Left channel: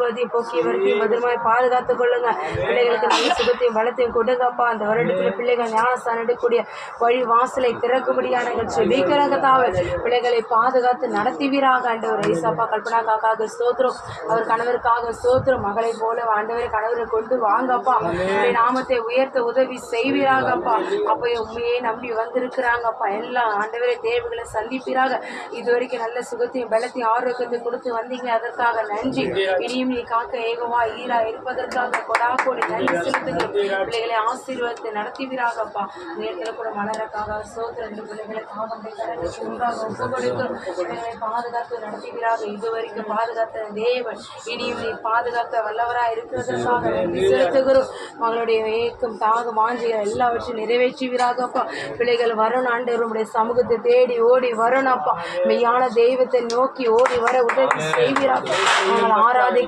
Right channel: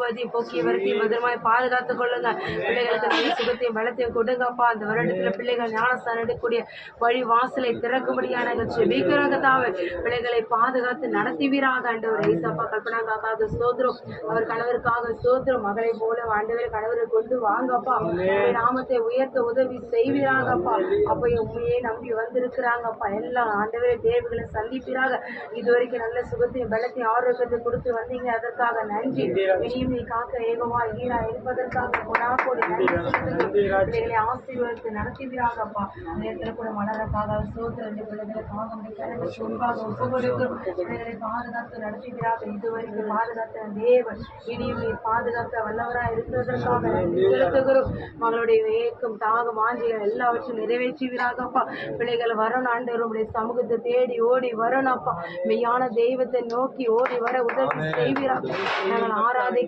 விபதி போக்கிய வரைக்கும் பத்திரமாய் பாதுகாத்துக் கொள்ளுங்க. பிள்ளைகளுக்கு நல்ல சுகத்தையும் பலத்தையும் கொடுங்கப்பா. அந்த வருடத்தில் பிள்ளைகள் ஞானஸ்தானம் எடுக்கக்கூடிய வழி வாசலை திறக்கும்படியான ஜெபிக்கிறதாவே பிள்ளைகளை பாதுகாத்து நடத்துவீராக. ஆண்டவர் ஏசப்பா கல்பனா காக்காக ஸ்தோத்திரம், அவர் கணவருக்காக ஸ்தோத்திரம். மகளை போல ஆண்டவரை கணவரை கொண்டு வாங்கப்பா. நாமத்தை உயர்த்த உதவி செய்வீராகப்பா. அப்போ உண்மையே நம்பி வந்திருக்கிறாங்கப்பா. எல்லாம் ஆண்டவரை தேவைகளை சந்திப்பீராக. இதுவரைக்கும் நல்ல சுகத்தையும் பலத்தையும் ஆரோக்கியத்தை கொடுத்து வந்தீங்க, அதற்காக நன்றி. இனியும் நீ காக்க ஏகமா ஈரா இருப்பதற்காக கொடாக்கோடி நன்றி செலுத்துகிறேன். பிள்ளைகளை ஆசீர்வாதத்தை நடத்துவீராகப்பா. நேரத்தில் கூட மலருக்காக சோதனை பிள்ளைகளுக்காக பாதுகாத்து நடத்துகிறார்கள். இதுவரைக்கும் பாதுகாத்த தேவன் இனியும் நீ பாதுகாத்த வல்லவராக இருக்கிறதற்காக நன்றி செலுத்துகிறோம். மகளுடைய ஏக்கம் தாகம் வாஞ்சிகள் எல்லாவற்றையும் நிறைவேற்றுவீராகப்பா. பிள்ளைகள் வரணும் ஆண்டவர், உம்முடைய சமூகத்தை தேடி ஓடி வரணும் அப்பா. மெய்யான தெய்வத்தை நோக்கி ஓடி வர உதவி செய்வீராக. நாங்கள் ஆராதி